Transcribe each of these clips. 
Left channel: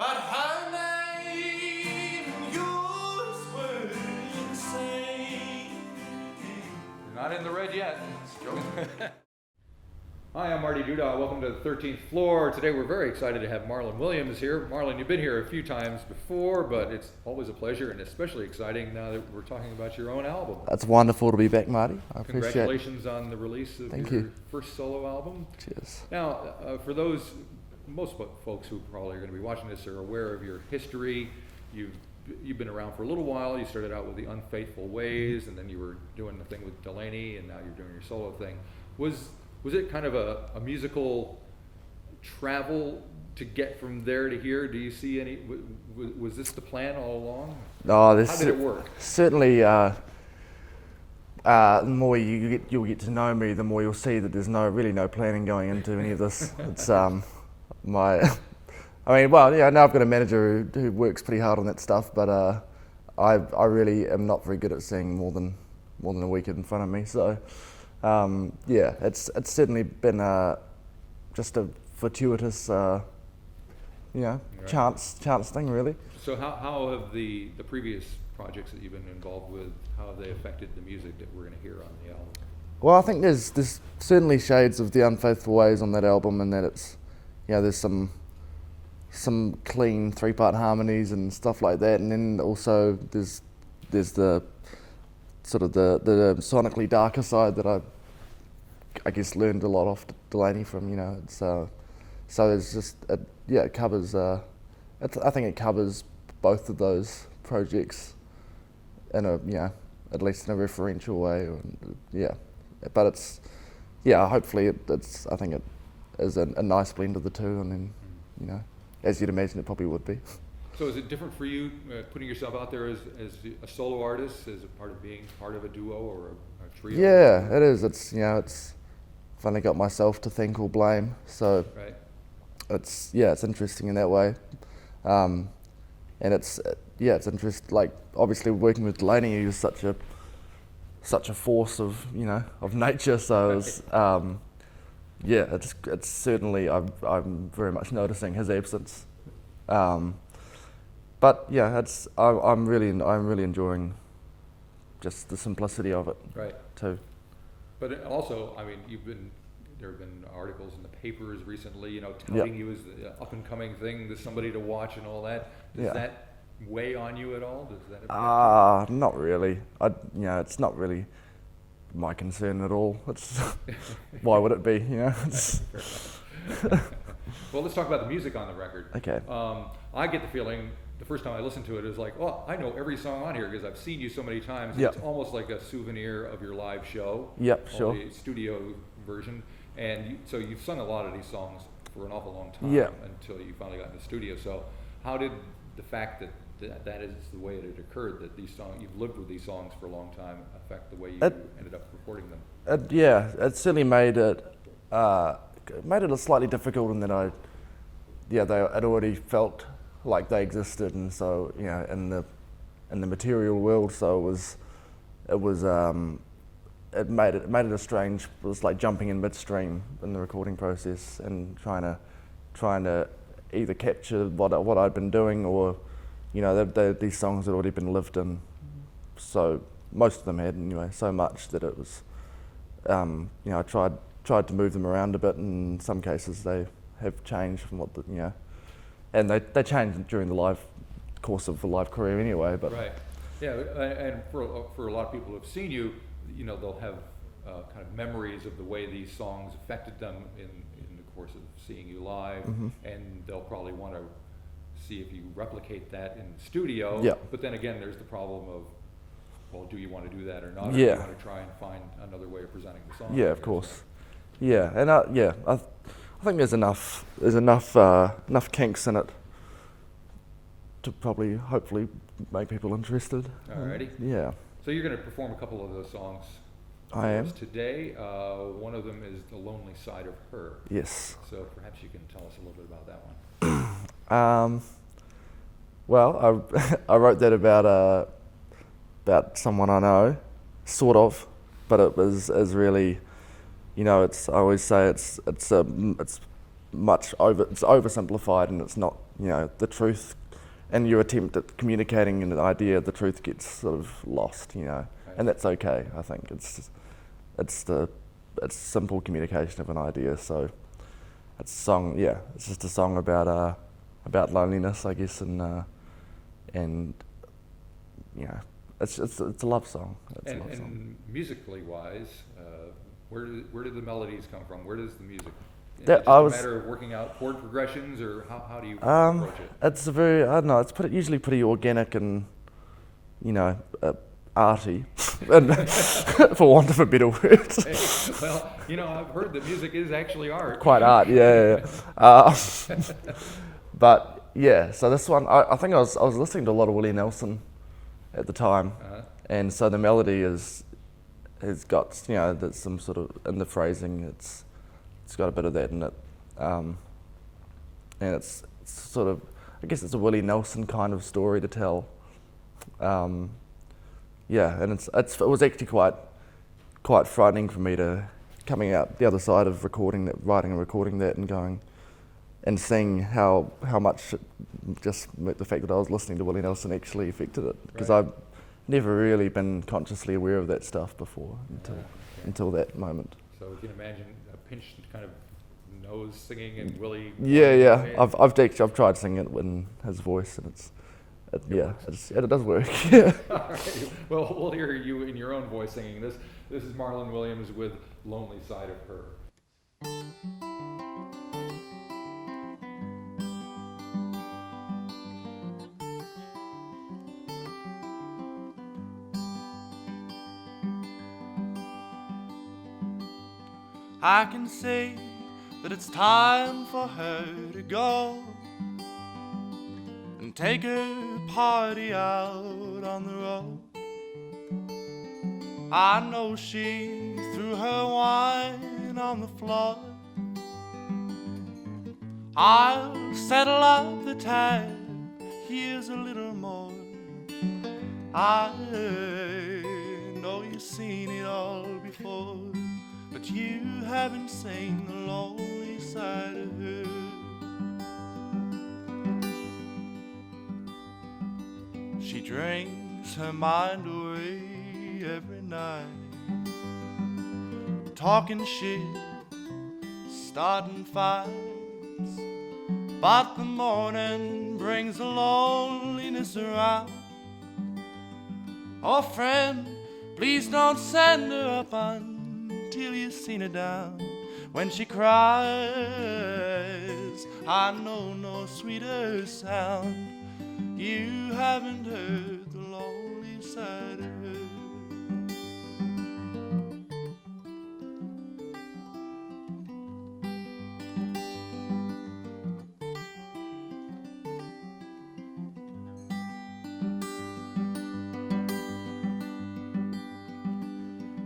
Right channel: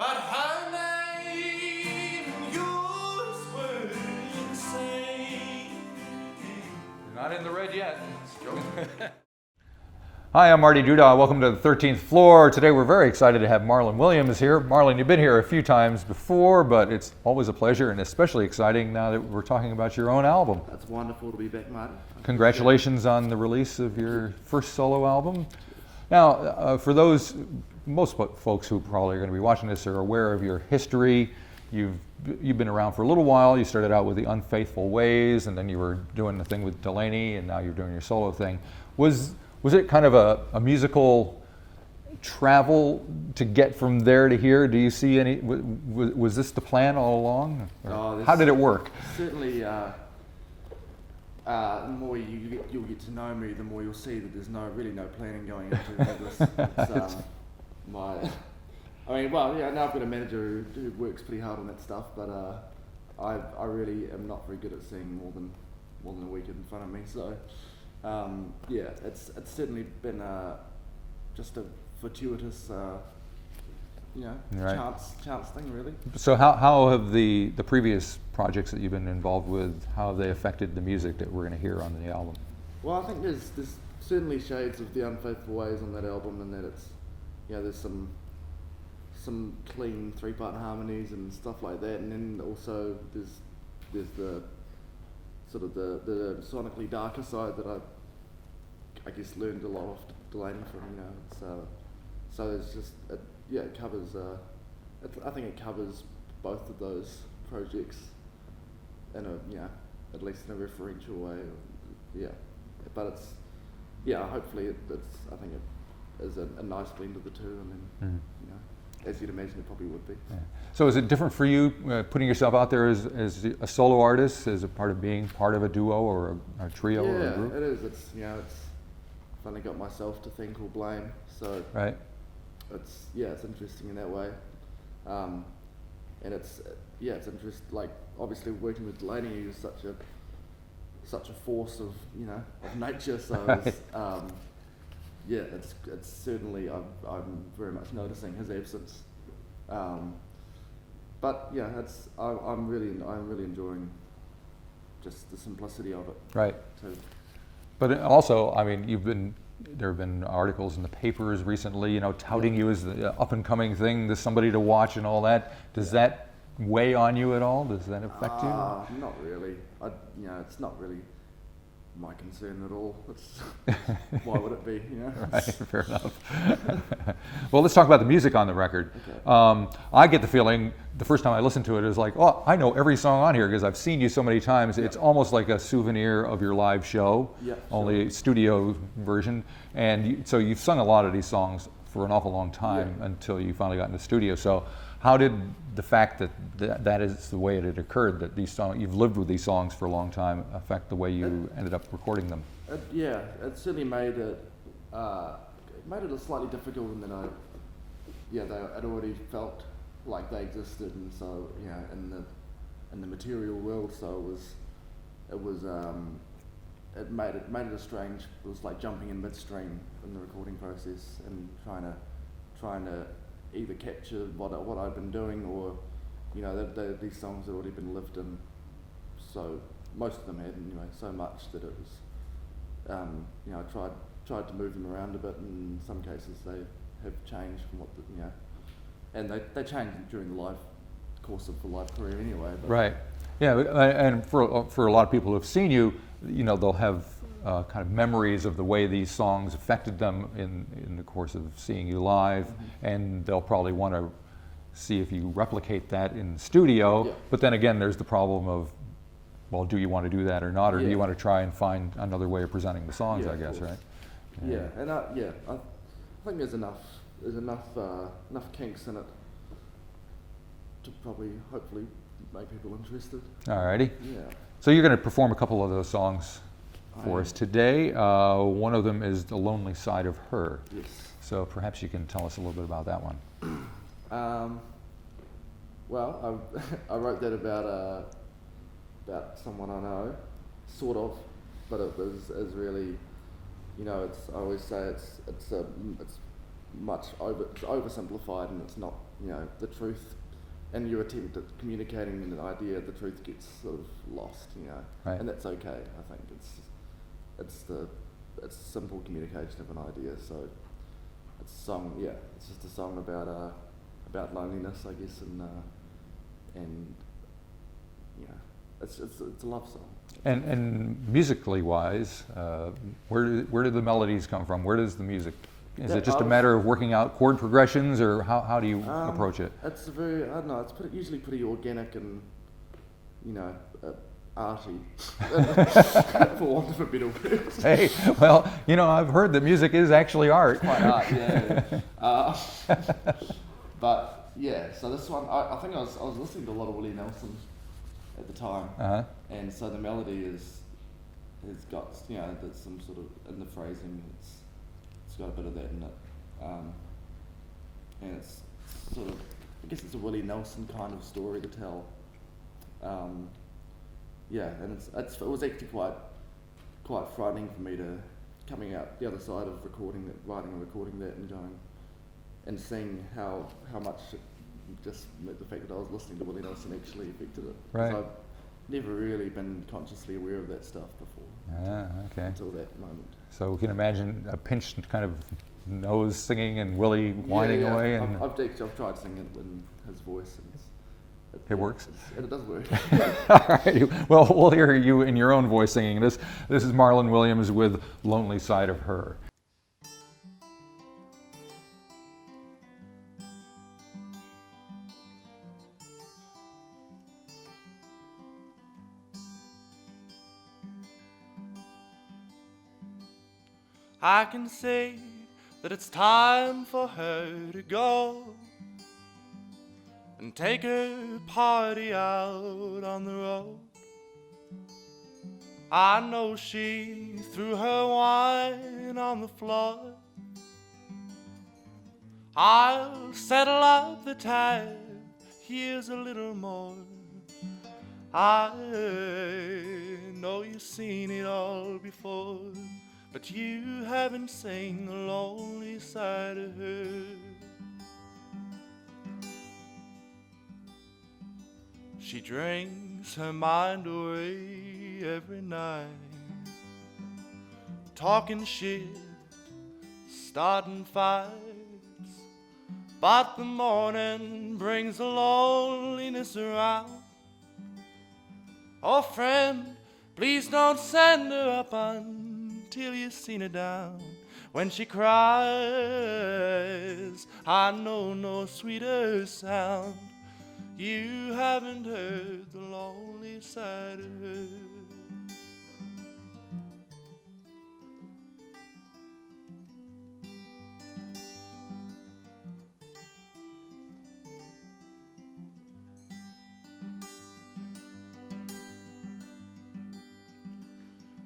but her name, yours were insane. You're not in the red yet. Hi, I'm Marty Duda. Welcome to the 13th floor. Today we're very excited to have Marlon Williams here. Marlon, you've been here a few times before, but it's always a pleasure and especially exciting now that we're talking about your own album. It's wonderful to be back, Marty. Congratulations on the release of your first solo album. Cheers. Now, for those, most folks who probably are going to be watching this are aware of your history. You've been around for a little while. You started out with the Unfaithful Ways, and then you were doing the thing with Delaney, and now you're doing your solo thing. Was it kind of a musical travel to get from there to here? Do you see any, was this the plan all along? Oh, how did it work? Certainly, the more you'll get to know me, the more you'll see that there's really no planning going into any of this. It's I mean, well, yeah, now I've got a manager who works pretty hard on that stuff, but I really am not very good at seeing more than a week in front of me. So. Yeah, it's certainly been just a fortuitous, chance thing, really. So how have the previous projects that you've been involved with, how have they affected the music that we're going to hear on the album? Well, I think there's certainly shades of the Unfaithful Ways on that album, and that it's, there's some clean 3-part harmonies and stuff like that, and then also there's the sort of the sonically darker side that I guess learned a lot off Delaney from, it's so there's just it covers I think it covers both of those projects in at least in a referential way, but it's hopefully it's I think it is a nice blend of the two, and then as you'd imagine it probably would be. Yeah. So is it different for you putting yourself out there as a solo artist, as a part of being part of a duo or a trio? Yeah, it is. It's it's I've only got myself to thank or blame, so right. It's interesting in that way, and it's interesting. Like obviously working with Delaney, he was such a force of of nature. So right. it's certainly I'm very much noticing his absence. But yeah, I'm really enjoying just the simplicity of it. Right. Too. But also, I mean, there have been articles in the papers recently, touting you as the up and coming thing, there's somebody to watch and all that. Does that weigh on you at all? Does that affect you? Not really. It's not really my concern at all. It's why would it be? Fair enough. Well, let's talk about the music on the record. Okay. I get the feeling the first time I listened to it is like, oh, I know every song on here because I've seen you so many times. Yep. It's almost like a souvenir of your live show. Yep, only studio version. And so you've sung a lot of these songs for an awful long time until you finally got in the studio. So how did the fact that is the way it had occurred, that these songs, you've lived with these songs for a long time, affect the way you ended up recording them? It certainly made it slightly difficult in that I'd already felt like they existed, and so in the material world, so it made it a strange. It was like jumping in midstream in the recording process and trying to either capture what I'd been doing, or these songs had already been lived in, so most of them had anyway, so much that it was I tried to move them around a bit, and in some cases they have changed from what and they changed during the live course of the live career anyway. But right, yeah, and for a lot of people who have seen you, they'll have kind of memories of the way these songs affected them in the course of seeing you live, and they'll probably want to see if you replicate that in the studio. Yeah. But then again, there's the problem of, well, do you want to do that or not, or do you want to try and find another way of presenting the songs? Yeah, I of guess, course. Right? Yeah, and I think there's enough kinks in it to hopefully make people interested. Alrighty. Yeah. So you're going to perform a couple of those songs for us today. One of them is The Lonely Side of Her. Yes. So perhaps you can tell us a little bit about that one. Well, I wrote that about someone I know, sort of, but it was really, I always say it's it's oversimplified, and it's not, you know, the truth. And your attempt at communicating an idea, the truth gets sort of lost, you know, Right. and that's okay. I think it's simple communication of an idea. So it's a song, yeah, it's just a song about loneliness, I guess, and you know, it's a love song. And musically wise, where do the melodies come from? Where does the music? Is That- it just a matter of working out chord progressions, or how do you approach it? It's a very, I don't know, it's usually pretty organic and, you know, arty, for want of a better word. Hey, well, you know, I've heard that music is actually art. Quite art, yeah. But yeah, so this one, I think I was listening to a lot of Willie Nelson at the time, Uh-huh. and so the melody has got, you know, there's some sort of, in the phrasing, it's got a bit of that in it, and it's sort of, I guess it's a Willie Nelson kind of story to tell. Yeah, and it was actually quite frightening for me to coming out the other side of recording that, writing and recording that, and going and seeing how much just the fact that I was listening to Willie Nelson actually affected it, because Right. I've never really been consciously aware of that stuff before Okay. until that moment. So we can imagine a pinched kind of nose singing and Willie. Yeah, whining yeah. away, and- I've tried singing it in his voice, and It works. It does work. All right. Well, we'll hear you in your own voice singing this. This is Marlon Williams with "Lonely Side of Her." I can say that it's time for her to go and take her party out on the road. I know she threw her wine on the floor. I'll settle up the tab, here's a little more. I know you've seen it all before, but you haven't seen the lonely side of her. She drinks her mind away every night, talking shit, starting fights, but the morning brings the loneliness around. Oh friend, please don't send her up until you've seen her down. When she cries, I know no sweeter sound. You haven't heard the lonely side of her.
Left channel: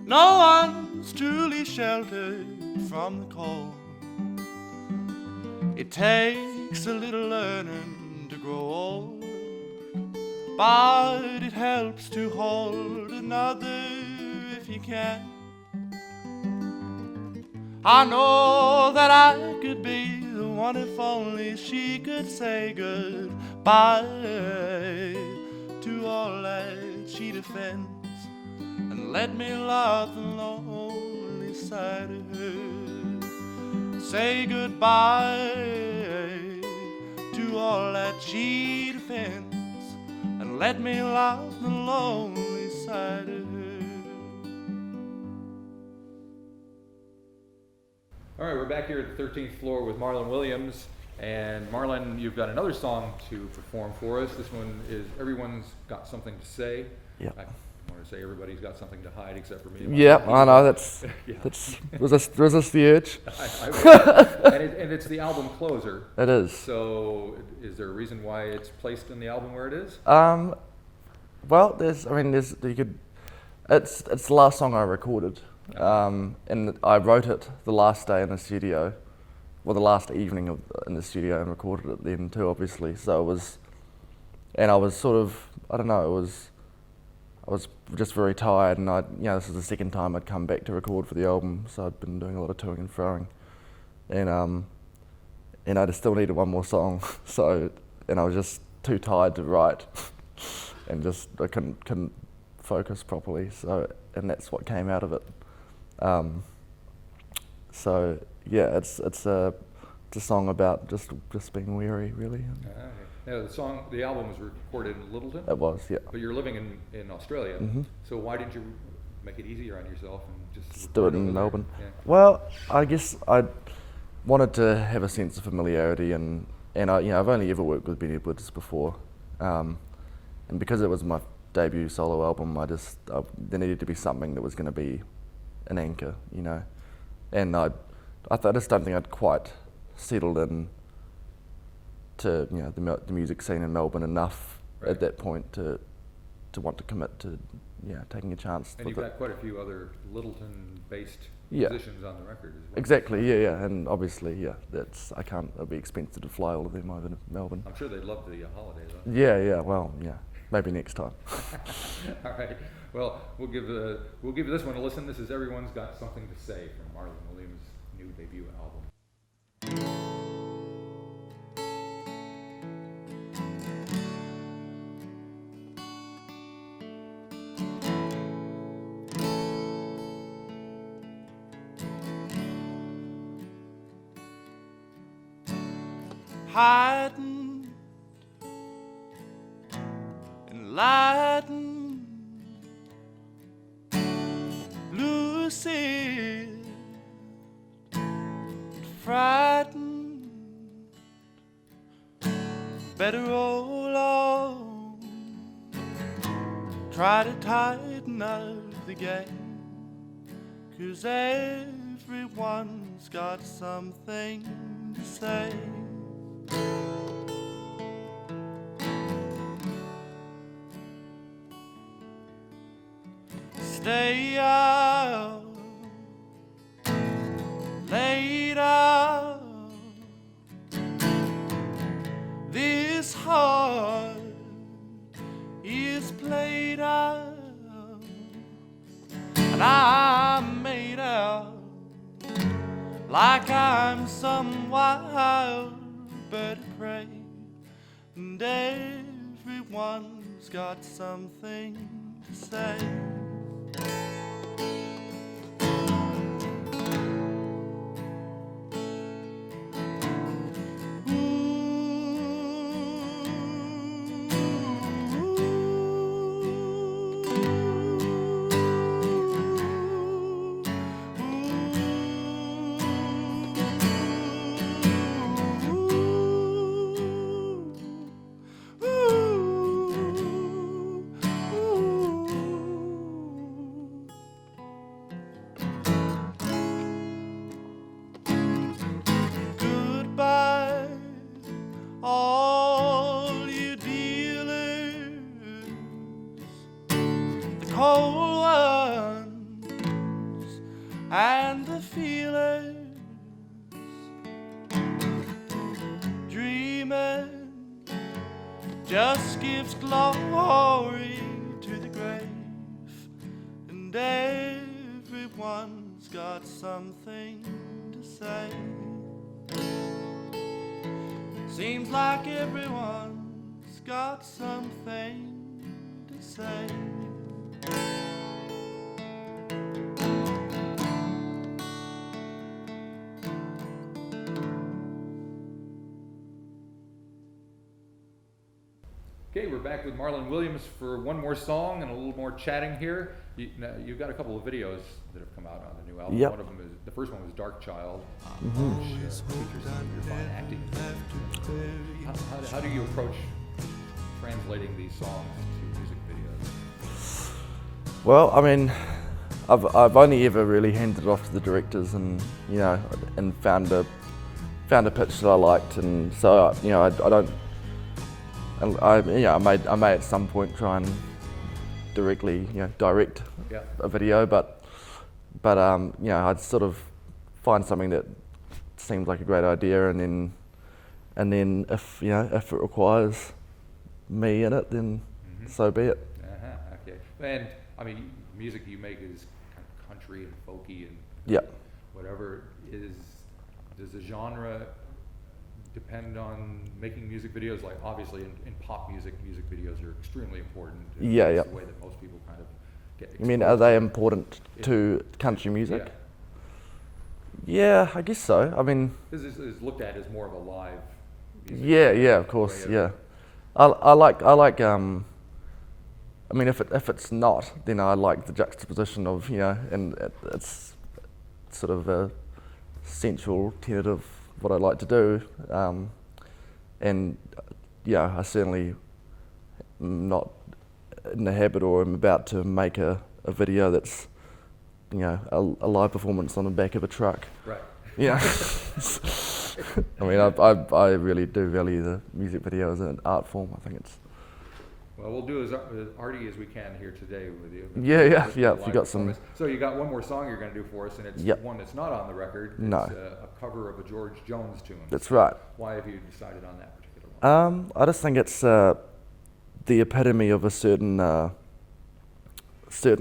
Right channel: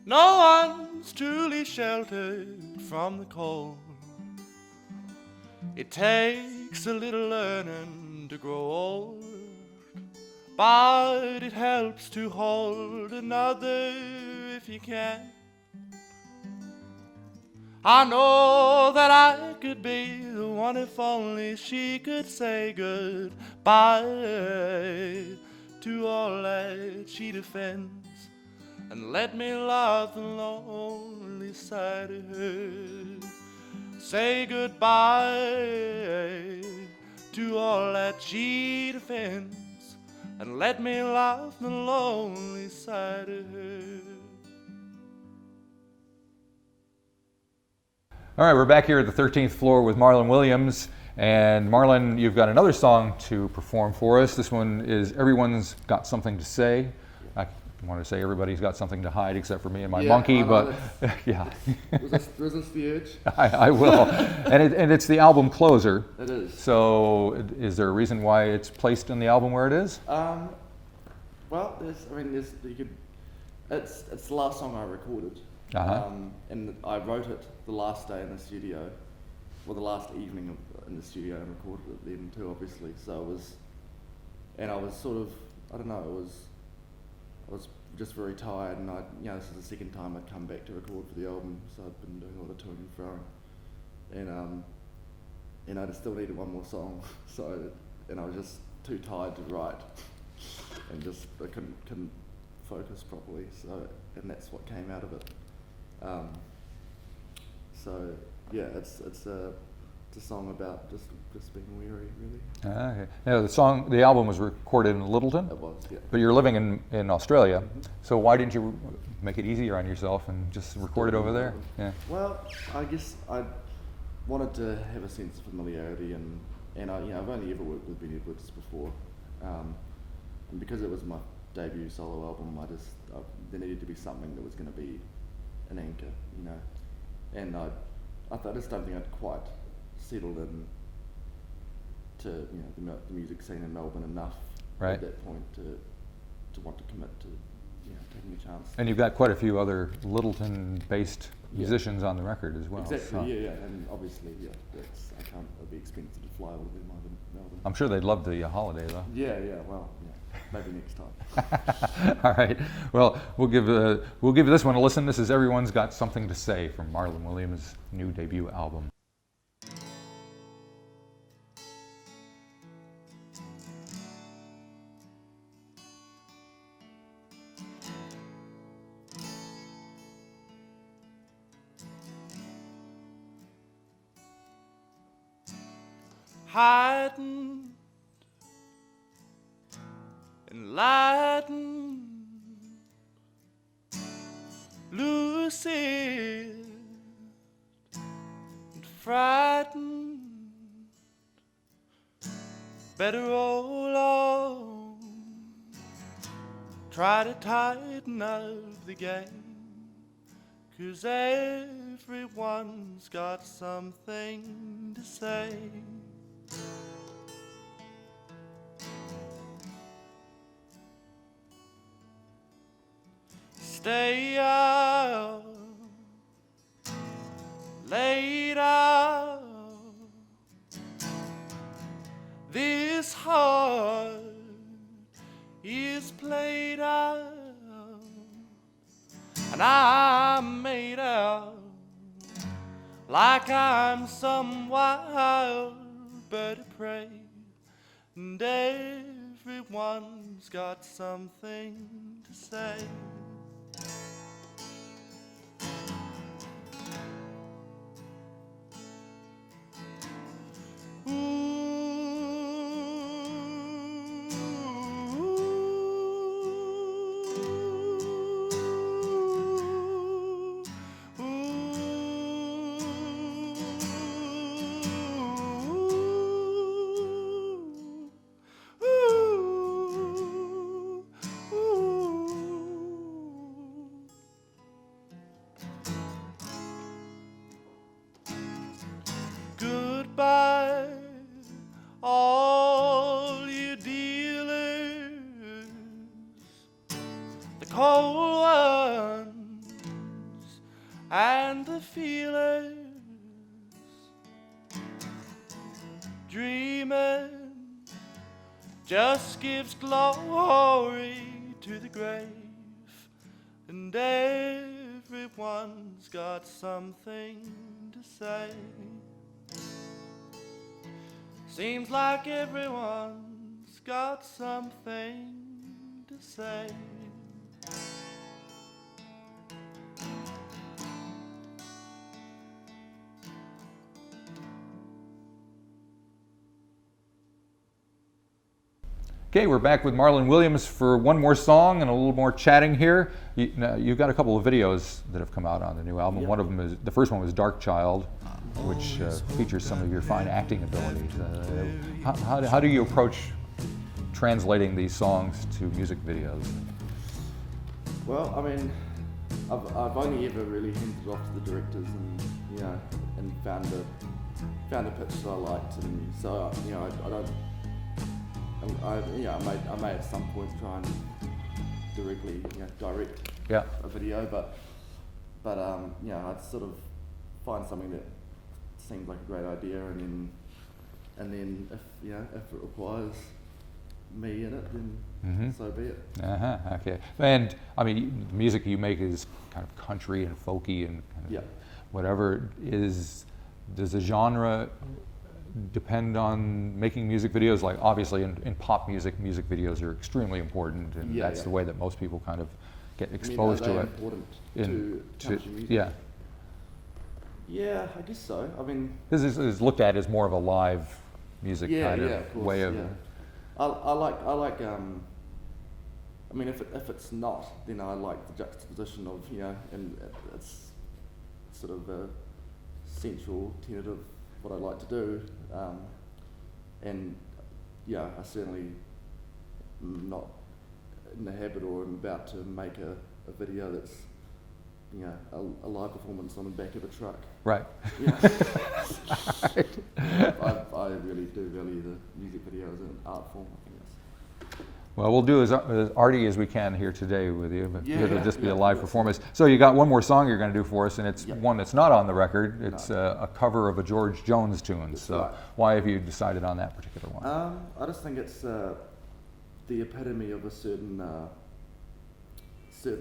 No one's truly sheltered from the cold. It takes a little learning to grow old, but it helps to hold another if you can. I know that I could be the one if only she could say goodbye to all that she defends, and let me love the lonely side of her. Say goodbye to all that she defends, and let me love the lonely side of her. All right, we're back here at the 13th floor with Marlon Williams. And Marlon, you've got another song to perform for us. This one is Everyone's Got Something to Say. Yeah. I want to say everybody's got something to hide except for me and my Yeah, monkey. I know, but- that's, yeah, resist the urge. I will. And it's the album closer. It is. So is there a reason why it's placed in the album where it is? Well, it's the last song I recorded, Uh-huh. and I wrote it the last day in the studio, well, the last evening in the studio, and recorded it then too, obviously. So it was, and I was sort of, I don't know, I was just very tired, and this is the second time I'd come back to record for the album, so I'd been doing a lot of toing and froing, and and I just still needed one more song. So, and I was just too tired to write, and just I couldn't focus properly. So, and that's what came out of it. So yeah, it's a song about just being weary, really. Okay. Now the album was recorded in Littleton. It was, yeah. But you're living in Australia, Mm-hmm. so why didn't you make it easier on yourself and just record it over there? Melbourne. Yeah. Well, I guess I wanted to have a sense of familiarity, and I've only ever worked with Ben Edwards before, and because it was my debut solo album, there needed to be something that was going to be an anchor, and I just don't think I'd quite settled in to the music scene in Melbourne enough at that point to want to commit to taking a chance. And you've got quite a few other Littleton-based musicians on the record as well. Exactly, so. yeah, and obviously, it'll be expensive to fly all of them over to Melbourne. I'm sure they'd love the holiday though. Yeah, maybe next time. All right, well, we'll give this one a listen. This is Everyone's Got Something to Say from Marlon Williams' new debut album. Heightened, enlightened, lucid, frightened, better roll on, try to tighten up the game, 'cause everyone's got something to say. Stay out, laid out, this heart is played out, and I'm made out like I'm some wild bird of prey, and everyone's got something to say. Goodbye, all you dealers, the cold ones and the feelers, dreaming just gives glory to the grave, and everyone's got something to say. Seems like everyone's got something to say. Okay, we're back with Marlon Williams for one more song and a little more chatting here. You've got a couple of videos that have come out on the new album. Yep. One of them is, the first one was Dark Child, which features some of your fine acting abilities. How do you approach translating these songs to music videos? Well, I mean, I've only ever really handed it off to the directors, and and found a pitch that I liked, and so I don't. I may at some point try and directly direct a video, but I'd sort of find something that seems like a great idea, and then if it requires me in it, then so be it. Okay. And I mean, the music you make is kind of country and folky and whatever. Does the genre depend on making music videos? Like obviously in pop music, music videos are extremely important. And Yeah, that's yeah. the way that most people kind of get exposed I mean, are they to it. important to country music? Yeah. Yeah, I guess so. I mean, This is looked at as more of a live music. yeah, kind yeah, of course, way yeah. I like. I mean, if it's not, then I like the juxtaposition of, you know, and it's sort of a central tenet of what I like to do, and yeah, I certainly am not in the habit or am about to make a video that's, you know, a live performance on the back of a truck. Right. Yeah. I mean, I really do value the music video as an art form. I think it's. Well, we'll do as arty as we can here today with you. But Yeah, it'll yeah, just be yeah, a live we got performance. So you got one more song you're going to do for us, and it's Yep. one that's not on the record. It's No. a cover of a George Jones tune. That's So right. Why have you decided on that particular one? I just think it's the epitome of a certain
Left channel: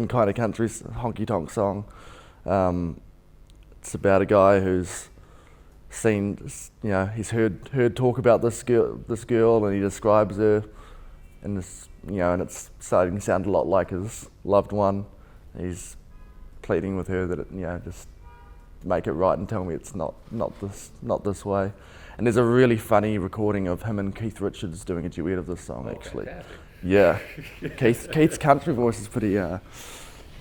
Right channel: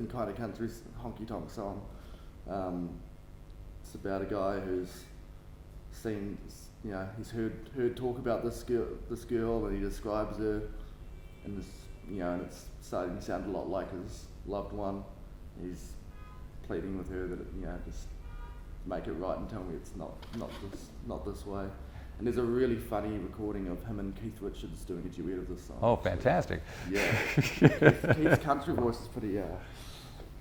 kind of country honky tonk song. It's about a guy who's seen, you know, he's heard talk about this girl, and he describes her, and this, you know, and it's starting to sound a lot like his loved one. He's pleading with her that it, you know, just make it right and tell me it's not this way. And there's a really funny recording of him and Keith Richards doing a duet of this song. Oh, actually. fantastic. Yeah, Keith's country voice is pretty.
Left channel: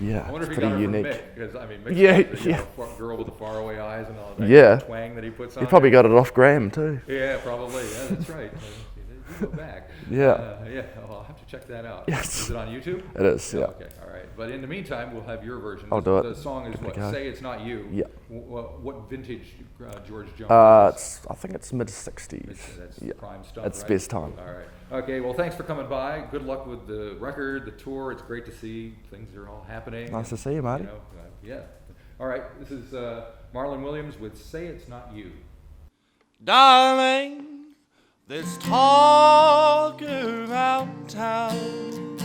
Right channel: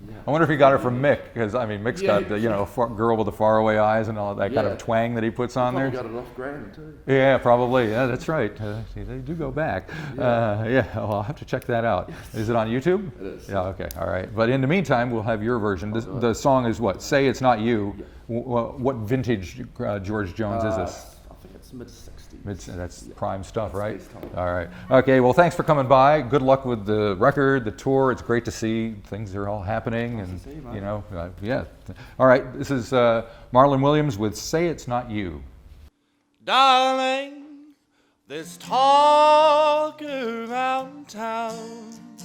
Yeah. I wonder if he it's got it pretty from unique. Mick, because I mean, Mick's Yeah, got the, you know, girl with the faraway eyes and all of that kind Yeah. of twang that he puts on. He probably there. got it off Graham too. Yeah, probably. Yeah, that's right. They do go back. Yeah. Yeah. Well, I'll have to check that out. Yes. Is it on YouTube? It is. Yeah. Okay. All right. But in the meantime, we'll have your version. I'll do it. The song is what? Okay. Say It's Not You. Yeah. What vintage George Jones is this? I think it's mid-60s. That's Yeah. prime stuff, That's right? best time. All right. Okay. Well, thanks for coming by. Good luck with the record, the tour. It's great to see things are all happening. Nice to see you, mate. You know, yeah. All right. This is Marlon Williams with "Say It's Not You." Darling, there's talk around town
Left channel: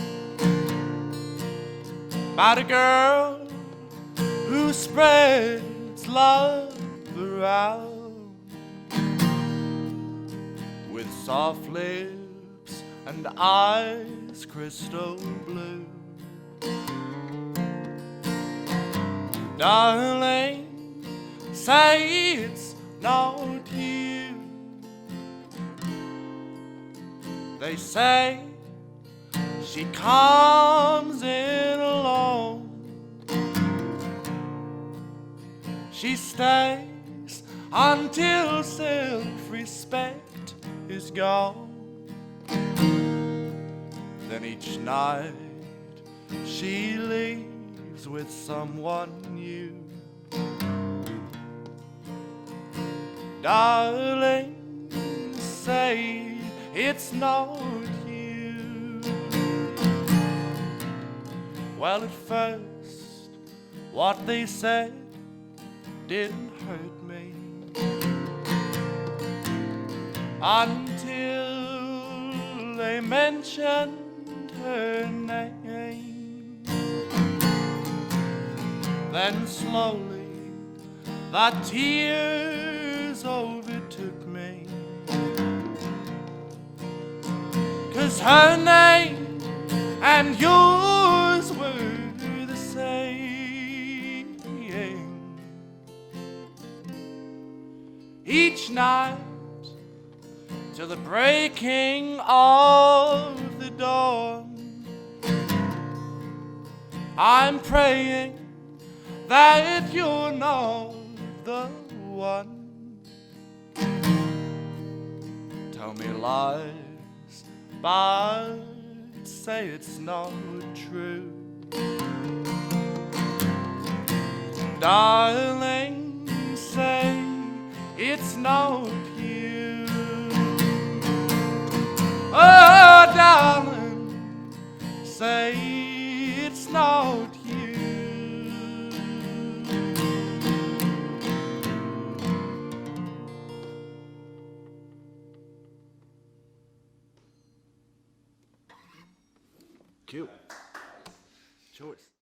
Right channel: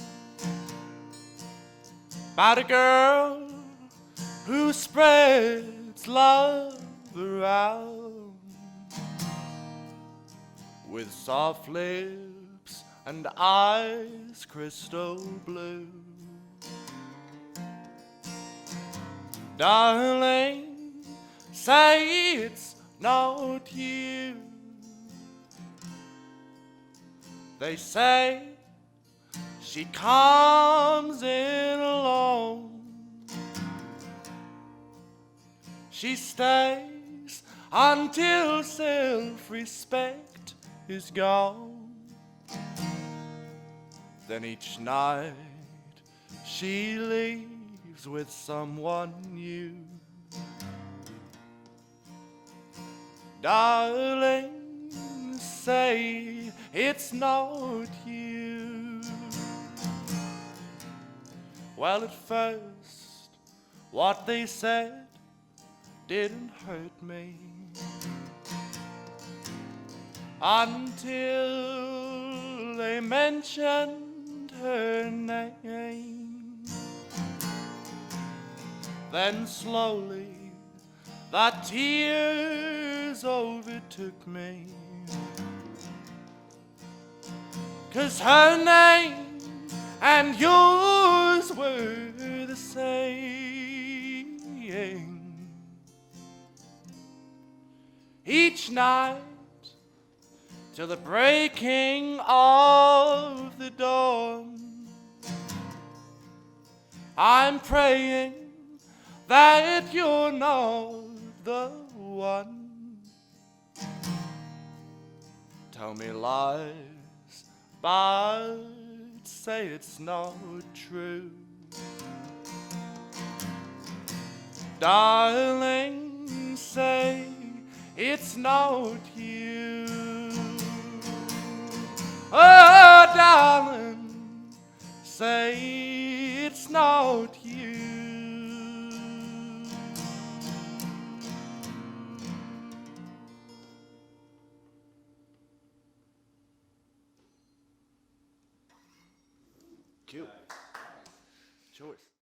about a girl who spreads love around with soft lips and eyes crystal blue. Darling, say it's not you. They say she comes in alone. She stays until self-respect is gone. Then each night she leaves with someone new. Darling, say it's not you. Well, at first, what they said didn't hurt me until they mentioned her name. Then slowly the tears overtook me, 'cause her name and yours were the same. Each night till the breaking of the dawn, I'm praying that you're not the one. Tell me lies, but say it's not true. Darling, say it's not you. Oh, darling, say it's not you. Cute choice.